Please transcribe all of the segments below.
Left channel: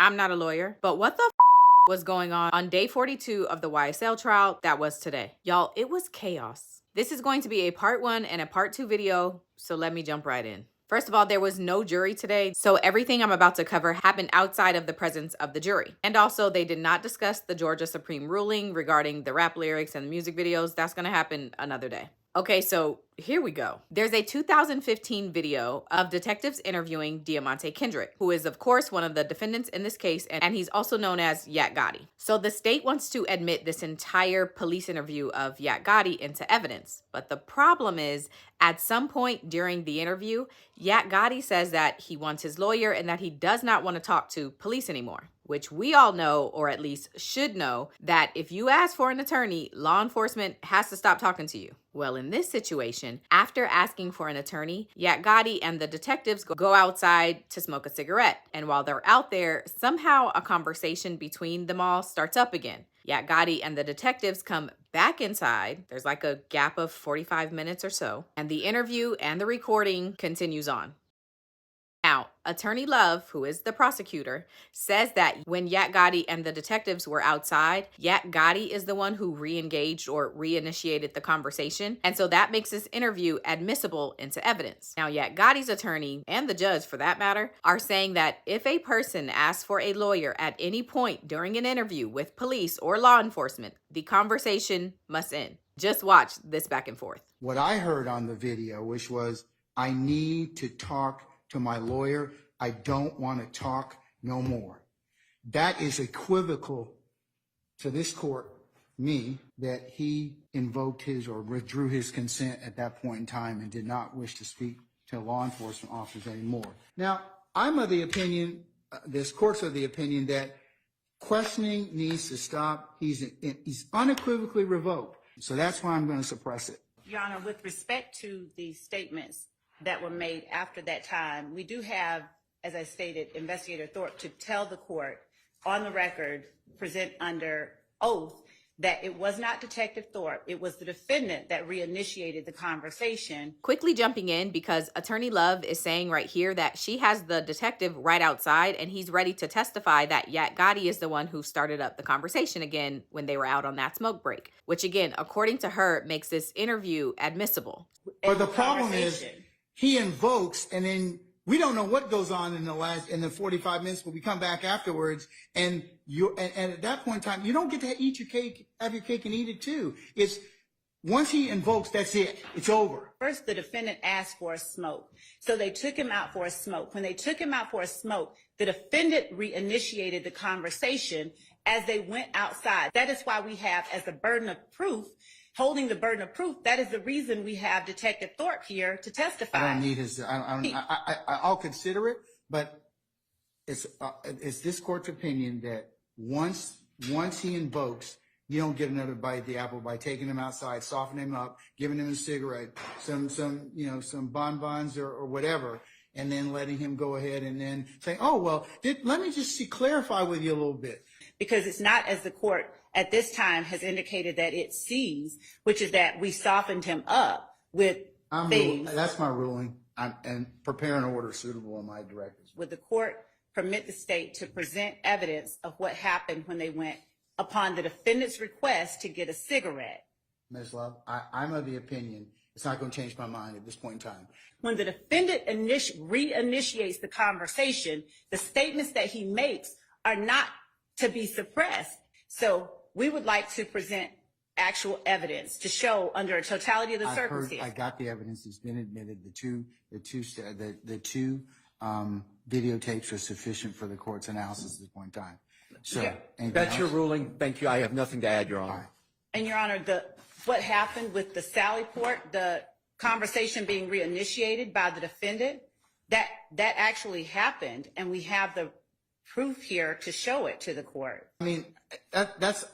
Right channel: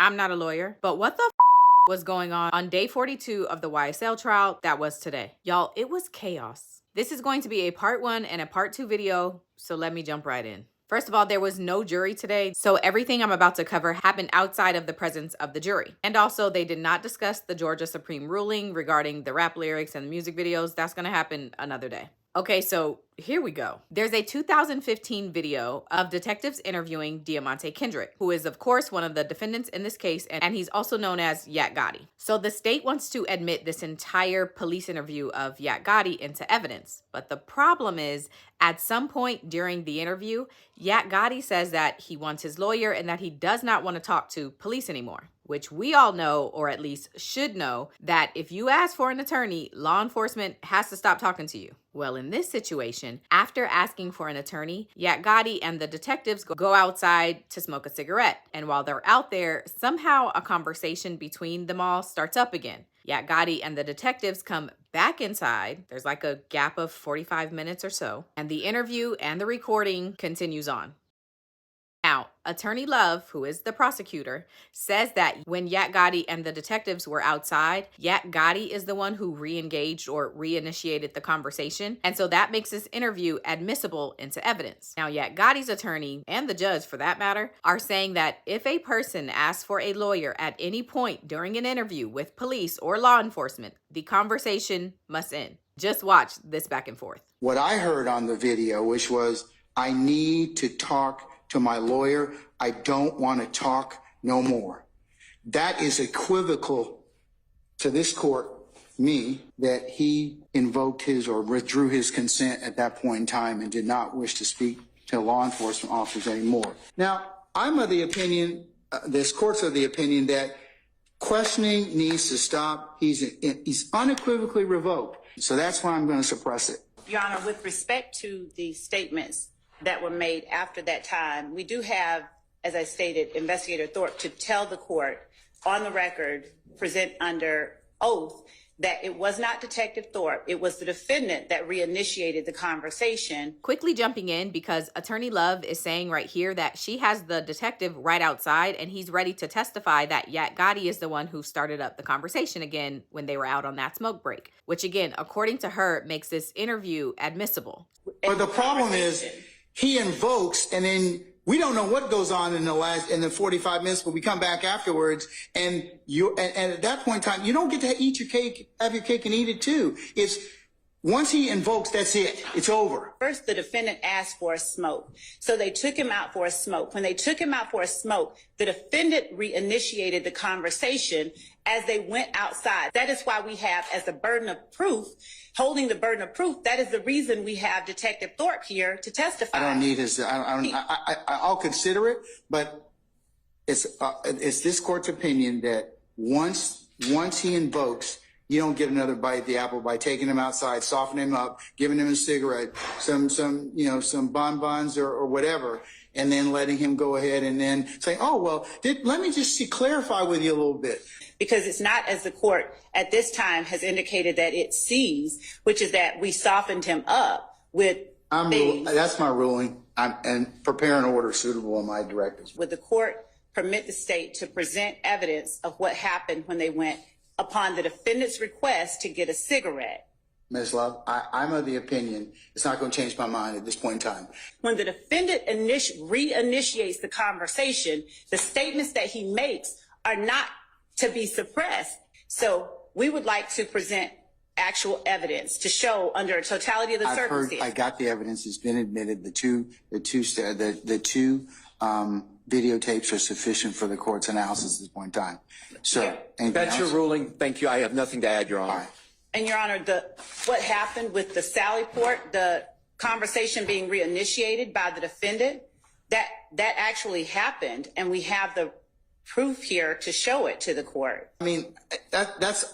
I'm not a lawyer, but what the was going on day 42 of the YSL trial that was today? Y'all, it was chaos. This is going to be a part 1 and a part 2 video, so let me jump right in. First of all, there was no jury today, so everything I'm about to cover happened outside of the presence of the jury. And also, they did not discuss the Georgia Supreme ruling regarding the rap lyrics and the music videos. That's gonna happen another day. Okay, so here we go. There's a 2015 video of detectives interviewing Diamante Kendrick, who is, of course, one of the defendants in this case, and he's also known as Yak Gotti. So the state wants to admit this entire police interview of Yak Gotti into evidence. But the problem is, at some point during the interview, Yak Gotti says that he wants his lawyer and that he does not want to talk to police anymore. Which we all know, or at least should know, that if you ask for an attorney, law enforcement has to stop talking to you. Well, in this situation, after asking for an attorney, Yak Gotti and the detectives go outside to smoke a cigarette. And while they're out there, somehow a conversation between them all starts up again. Yak Gotti and the detectives come back inside. There's like a gap of 45 minutes or so. And the interview and the recording continues on. Now, Attorney Love, who is the prosecutor, says that when Yak Gotti and the detectives were outside, Yak Gotti is the one who re-engaged or reinitiated the conversation. And so that makes this interview admissible into evidence. Now, Yak Gotti's attorney, and the judge for that matter, are saying that if a person asks for a lawyer at any point during an interview with police or law enforcement, the conversation must end. Just watch this back and forth. What I heard on the video, which was, I need to talk to my lawyer, I don't want to talk no more. That is equivocal to this court, me, that he invoked his or withdrew his consent at that point in time and did not wish to speak to law enforcement officers anymore. Now, I'm of the opinion, this court's of the opinion that questioning needs to stop. He's unequivocally revoked. So that's why I'm going to suppress it. Your Honor, with respect to the statements that were made after that time, we do have, as I stated, Investigator Thorpe to tell the court on the record, present under oath, that it was not Detective Thorpe, it was the defendant that reinitiated the conversation. Quickly jumping in because Attorney Love is saying right here that she has the detective right outside and he's ready to testify that Yak Gotti is the one who started up the conversation again when they were out on that smoke break, which again, according to her, makes this interview admissible. But the problem is, he invokes, and then we don't know what goes on in the 45 minutes, but we come back afterwards, and at that point in time, you don't get to eat your cake, have your cake and eat it too. It's once he invokes, that's it. It's over. First, the defendant asked for a smoke, so they took him out for a smoke. When they took him out for a smoke, the defendant reinitiated the conversation as they went outside. That is why we have, as the burden of proof, holding the burden of proof, that is the reason we have Detective Thorpe here to testify. I don't need his, I'll consider it, but it's this court's opinion that once he invokes, you don't get another bite at the apple by taking him outside, softening him up, giving him a cigarette, some bonbons or whatever, and then letting him go ahead and then say, oh, well, let me just clarify with you a little bit. Because it's not, as the court at this time has indicated that it sees, which is that we softened him up with things. That's my ruling. And prepare an order suitable in my directives. Would the court permit the state to present evidence of what happened when they went upon the defendant's request to get a cigarette? Ms. Love, I'm of the opinion it's not going to change my mind at this point in time. When the defendant reinitiates the conversation, the statements that he makes are not to be suppressed. So we would like to present actual evidence to show under a totality of the circumstances. I got the evidence. It's been admitted. The two videotapes are sufficient for the court's analysis at this point in time. So that's your ruling. Thank you. I have nothing to add, Your Honor. All right. And Your Honor, what happened with the Sally Port, the conversation being reinitiated by the defendant, that actually happened, and we have the proof here to show it to the court. I mean, that's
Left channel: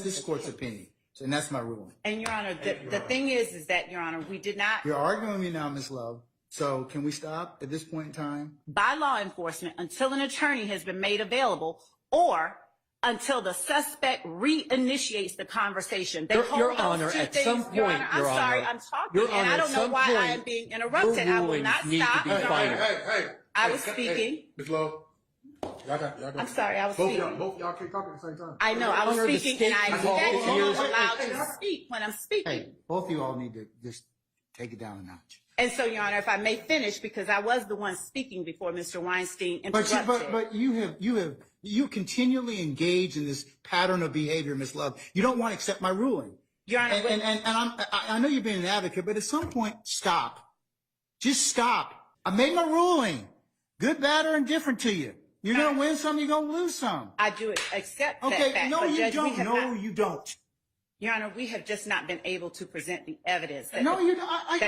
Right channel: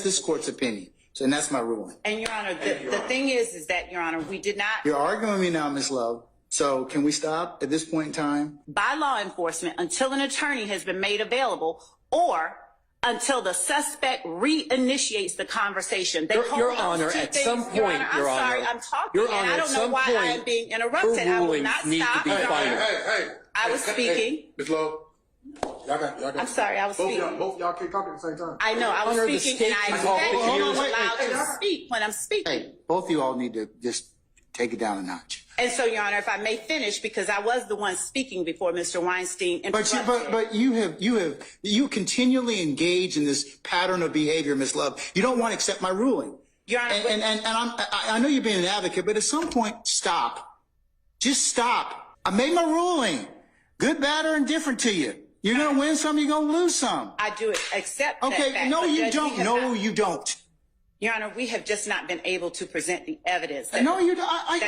this court's opinion, and that's my ruling. And Your Honor, the thing is that, Your Honor, we did not. You're arguing with me now, Ms. Love. So can we stop at this point in time? By law enforcement, until an attorney has been made available, or until the suspect reinitiates the conversation. Your Honor, at some point, Your Honor, I'm sorry, I'm talking, Your Honor, and I don't know why I am being interrupted. I will not stop. Hey, I was speaking. Ms. Love. I'm sorry, I was speaking. Both y'all can't talk at the same time. I know, I Honor, the was state speaking, and I can talk expect for you years. allowed to speak when I'm speaking. Hey, both of you all need to just take it down a notch. And so, Your Honor, if I may finish, because I was the one speaking before Mr. Weinstein interrupted. But you continually engage in this pattern of behavior, Ms. Love. You don't want to accept my ruling. Your Honor, I know you're being an advocate, but at some point, stop. Just stop. I made my ruling. Good, bad, or indifferent to you. You're going to win some, you're going to lose some. I do accept that Okay, fact. no, but you Judge, don't. No, you don't. Your Honor, we have just not been able to present the evidence. No, you don't. I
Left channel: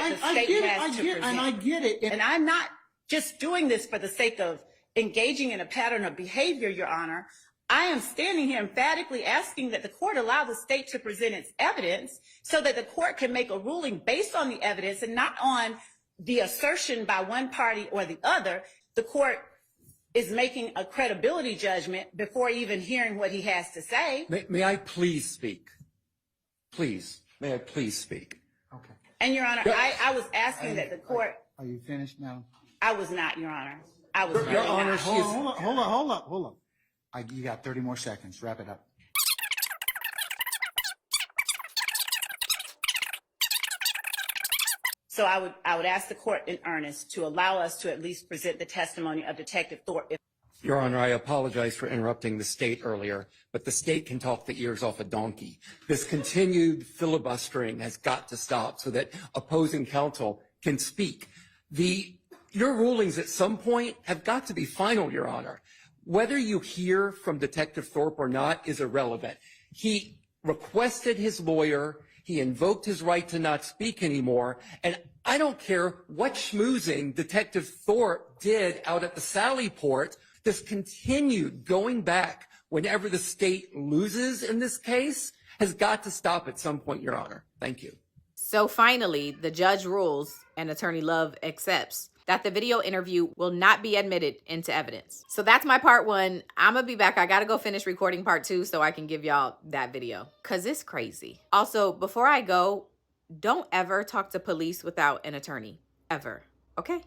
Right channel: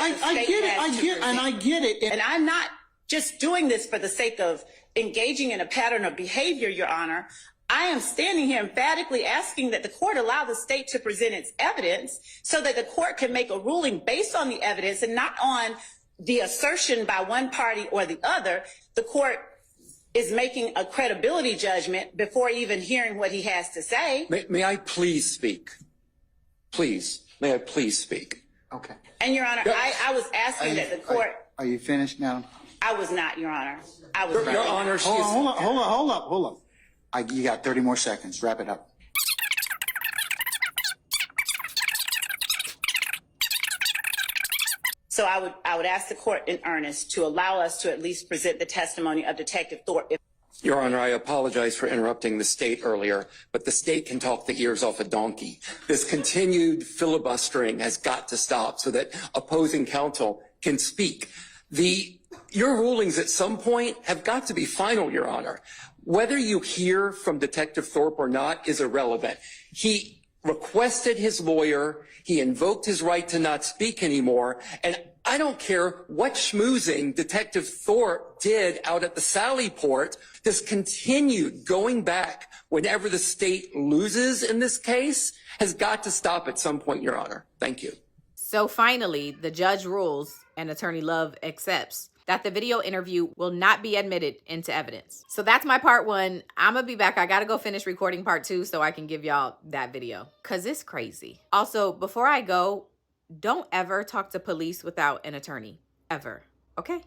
get it. I get it. And I'm not just doing this for the sake of engaging in a pattern of behavior, Your Honor. I am standing here emphatically asking that the court allow the state to present its evidence so that the court can make a ruling based on the evidence and not on the assertion by one party or the other. The court is making a credibility judgment before even hearing what he has to say. May I please speak? Please. May I please speak? Okay. And, Your Honor, I was asking that the court... Are you finished now? I was not, Your Honor. I was Your Honor, she is... Hold up. You got 30 more seconds. Wrap it up. So I would ask the court in earnest to allow us to at least present the testimony of Detective Thorpe. Your Honor, I apologize for interrupting the state earlier, but the state can talk the ears off a donkey. This continued filibustering has got to stop so that opposing counsel can speak. Your rulings at some point have got to be final, Your Honor. Whether you hear from Detective Thorpe or not is irrelevant. He requested his lawyer. He invoked his right to not speak anymore. And I don't care what schmoozing Detective Thorpe did out at the Sally Port. This continued going back whenever the state loses in this case has got to stop at some point, Your Honor. Thank you. So finally, the judge rules and Attorney Love accepts that the video interview will not be admitted into evidence. So that's my part one. I'm gonna be back. I gotta go finish recording part two so I can give y'all that video, cause it's crazy. Also, before I go, don't ever talk to police without an attorney, ever, okay?